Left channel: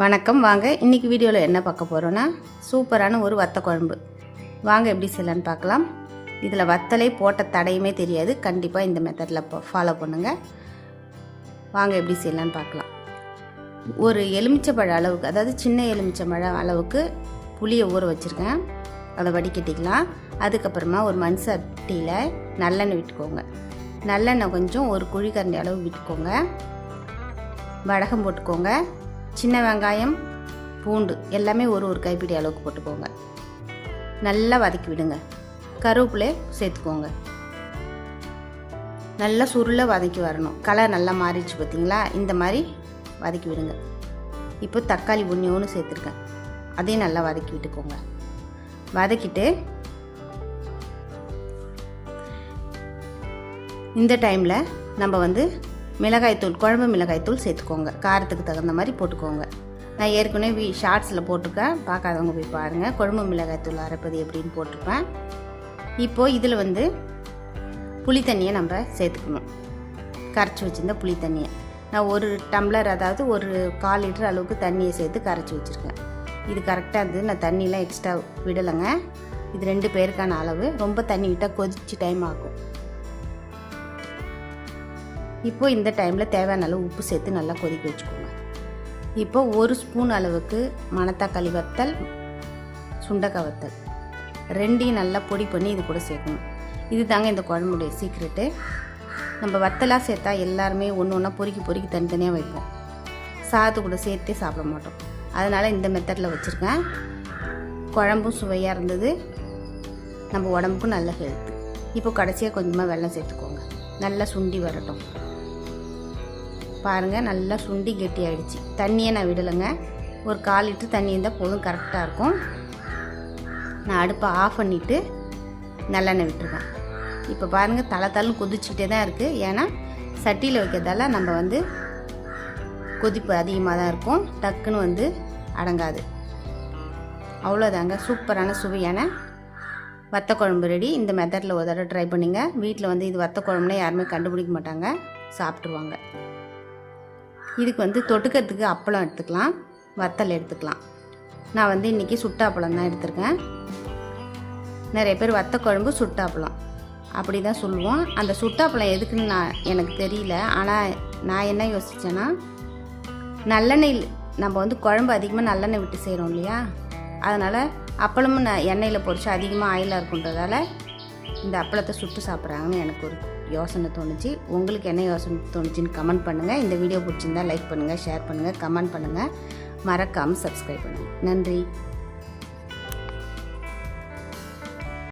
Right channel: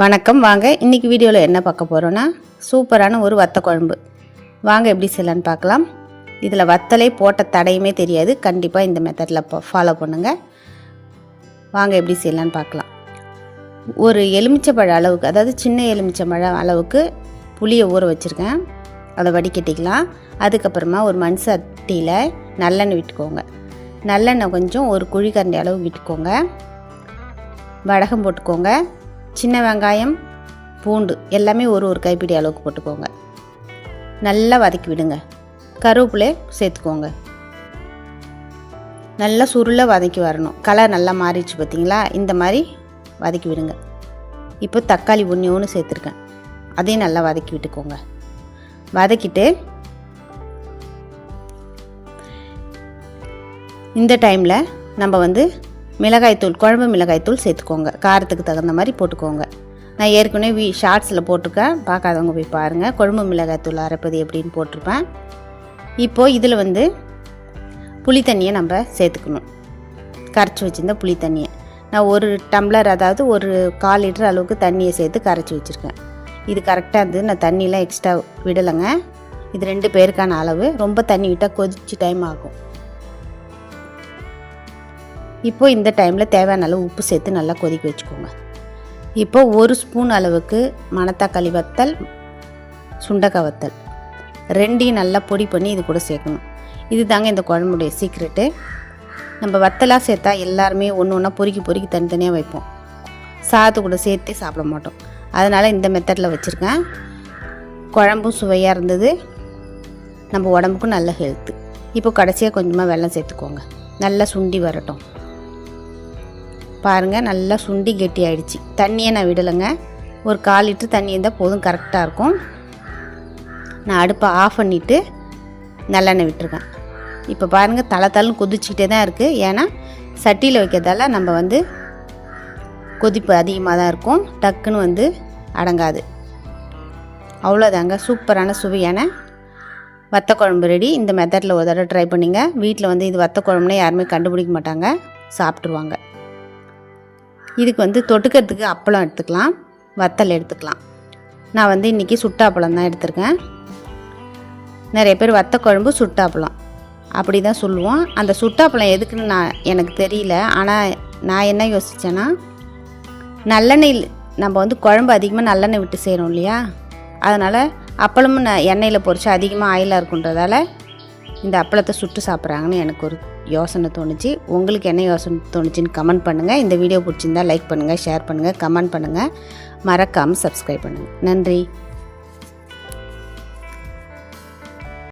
வணக்கம். வாங்க இன்றைக்கி வீடியோவில் என்ன பார்க்க போகிறோன்னா சூப்பரான ஒரு வத்த குழம்பு. வாங்க எப்படி செய்யலான்னு பார்க்கலாம். இதில் வத்தலே போட்ட தடையுமே தெரியாது. கண்டிப்பாக இந்த மெத்தடில் ஃபாலோ பண்ணுங்கள் வாங்க எப்படி செய்யலான்னு பார்க்கலாம். ஒரு எலுமிச்சைப்பழ அளவுக்கு அதாவது சின்ன எலுமிச்சைப்பழம் அளவுக்கு புளியை ஊற வச்சுருக்கேன். அதை வடிகட்டிக்கலாம். அதுக்கப்புறமா ஒரு மண் சட்டியில் நல்லெண்ணெய் விட்டுக்கோங்க. நல்லெண்ணெய் கொஞ்சம் ஒரு குழிக்கரண்டி அளவு விட்டுக்கோங்க. வடகம் போட்டுக்கோங்க. சின்ன வெங்காயம் பூண்டு எல்லாமே ஒரு ஒரு கைப்பிடி அளவுக்கு போட்டுக்கோங்க. நல்லா வதக்கி விடுங்க. கருவேப்பிலை சேர்த்துக்கோங்க. நல்லா சுருளை வதக்கி வரணும். கலர் நல்லா மாறிடுச்சு பார்த்தீங்களா? இந்த மாதிரி வதக்கி விடுங்க. இப்போ தக்காளி ஒன்று ஒன்று சேர்த்துருக்கேன். அதையும் நல்லா வதக்கி விட்டுக்கோங்க. வதக்கிட்டு இந்த டைமில் நம்ம வந்து மிளகாய்த்தூள் குழம்பு மிளகாய்த்தூள் சேர்த்துக்கோங்க. காரத்துக்கு தகுந்த மாதிரி போட்டுக்கோங்க. நான் ஏற்கனவே வி ஷார்ட்ஸில் போட்டிருக்கேன். பார்க்காதவங்க போய் பாருங்கள் குழம்பு மிளகாய்த்தூள் அரைப்பது எப்படின்னு போட்டிருப்பேன். இப்போது இதில் வந்து புளி தண்ணியை நம்ம சேர்த்துக்கணும். கரைச்சி வச்சுருந்த புளி தண்ணியை. நான் ஒரு டம்ளர் அதாவது ஒரு கால் லிட்டர் அளவுக்கு தண்ணியை சேர்த்து கரைச்சி வச்சுருக்கேன். இது கரெக்டாக இருந்தது. நான் தண்ணியெலாம் எக்ஸ்ட்ரா விடலைங்க. இது ரெண்டு பேருக்கான அளவு. ரொம்ப தண்ணி விட்டால் கொதிச்சு டைம் ஆகும். இப்போது இந்த டைமில் தேவையான அளவு உப்பு சேர்த்து நல்லா கொதிக்க வச்சுக்கோங்க. இப்போ ஒரு ஸ்பூன் அளவுக்கு மணத்தக்காளி வத்தல் சுண்டக்காய் வத்தல். ரெண்டையும் நல்லா பொடி பண்ணி இது கூட சேர்க்கணும். இது தாங்க இந்த குழம்புடைய சீக்ரெட்டு நம்ம வத்தலாக சேர்த்தா எல்லாருமே ஒன்று ஒன்றா பொறுக்கி பொறுக்கி தனித்தனியாக வைப்போம். சாத்து கூட சேர்த்தே சாப்பிட மாட்டோம். அதனால் இந்த மெத்தடில் வச்சுருக்கேன். குழம்பும் சுவையாக இருந்தது. நம்ம உடம்புக்கும் நல்ல ஹெல்த்து இப்போ கடைசியாக கொஞ்சமாக வெள்ளம் சேர்த்துக்கோங்க. நல்லா சுண்டி வரட்டும். பாருங்கள் நல்லா சுண்டி கெட்டி ஆகிடுச்சி தண்ணியை நான் விடலைங்க. ஒரு கால் லிட்டர் தண்ணி இருந்தால் போதும் கரெக்டாக இருக்கும். நான் அடுப்பை ஆஃப் பண்ணிவிட்டு நல்லெண்ணெய் விட்டுருக்கேன். இப்போ பாருங்கள் தலை தலைன்னு கொதிச்சுக்கிட்டே தான் இருக்குது ஏன்னா சட்டியில் வைக்கிறதால நம்ம வந்து கொதிப்பு அதிகமாக தான் இருக்கும். டக்குன்னு வந்து அடங்காது. அவ்வளோதாங்க சூப்பரான சுவையான வத்த குழம்பு ரெடி. இந்த மெத்தடில் ஒரு தடவை ட்ரை பண்ணிங்க. வீட்டில் வந்து இது வத்த குழம்புனே யாருமே கண்டுபிடிக்க மாட்டாங்க. சாப்பிட்ருவாங்க இதுக்கு வந்து தொட்டுக்கிறதுக்கு அப்பளம் எடுத்துக்கலாம். வத்தல் எடுத்துக்கலாம். நான் வந்து இன்றைக்கி சுட்டாப்பழம் தான் எடுத்திருக்கேன். நிறைய பேர் வத்த குழம்பு சுட்டாப்பழம் அப்படி தான் சொல்லுவோம். அந்த சுட்டாப்பழம் எதுக்குன்னு நான் எனக்கு தெரியல. ஆனால் நான் என்ன யோசித்தேன்னா நல்லெண்ணெய் நம்ம வந்து குழம்பு அதிகமாக நல்லெண்ணெய் விட்டு செய்கிறோம் இல்லையா? அதனால் அப்பளமும் ந- எண்ணெயில் பொறிச்சு அதிகமாக ஆயிலாக இருக்குன்றதால இந்த அப்பளத்தை சுட்டு சாப்பிட்றாங்கன்னு எனக்கு ஒரு யோசனை தோணுச்சு. உங்களுக்கு என்ன யோசனை தோணுச்சுன்னு கமெண்ட் பண்ணுங்கள் இந்த வீடியோ பிடிச்சிருந்தா லைக் பண்ணுங்கள் ஷேர் பண்ணுங்கள் கமெண்ட் பண்ணுங்கள் மறக்காமல் சப்ஸ்கிரைப் பண்ணுங்கள் நன்றி.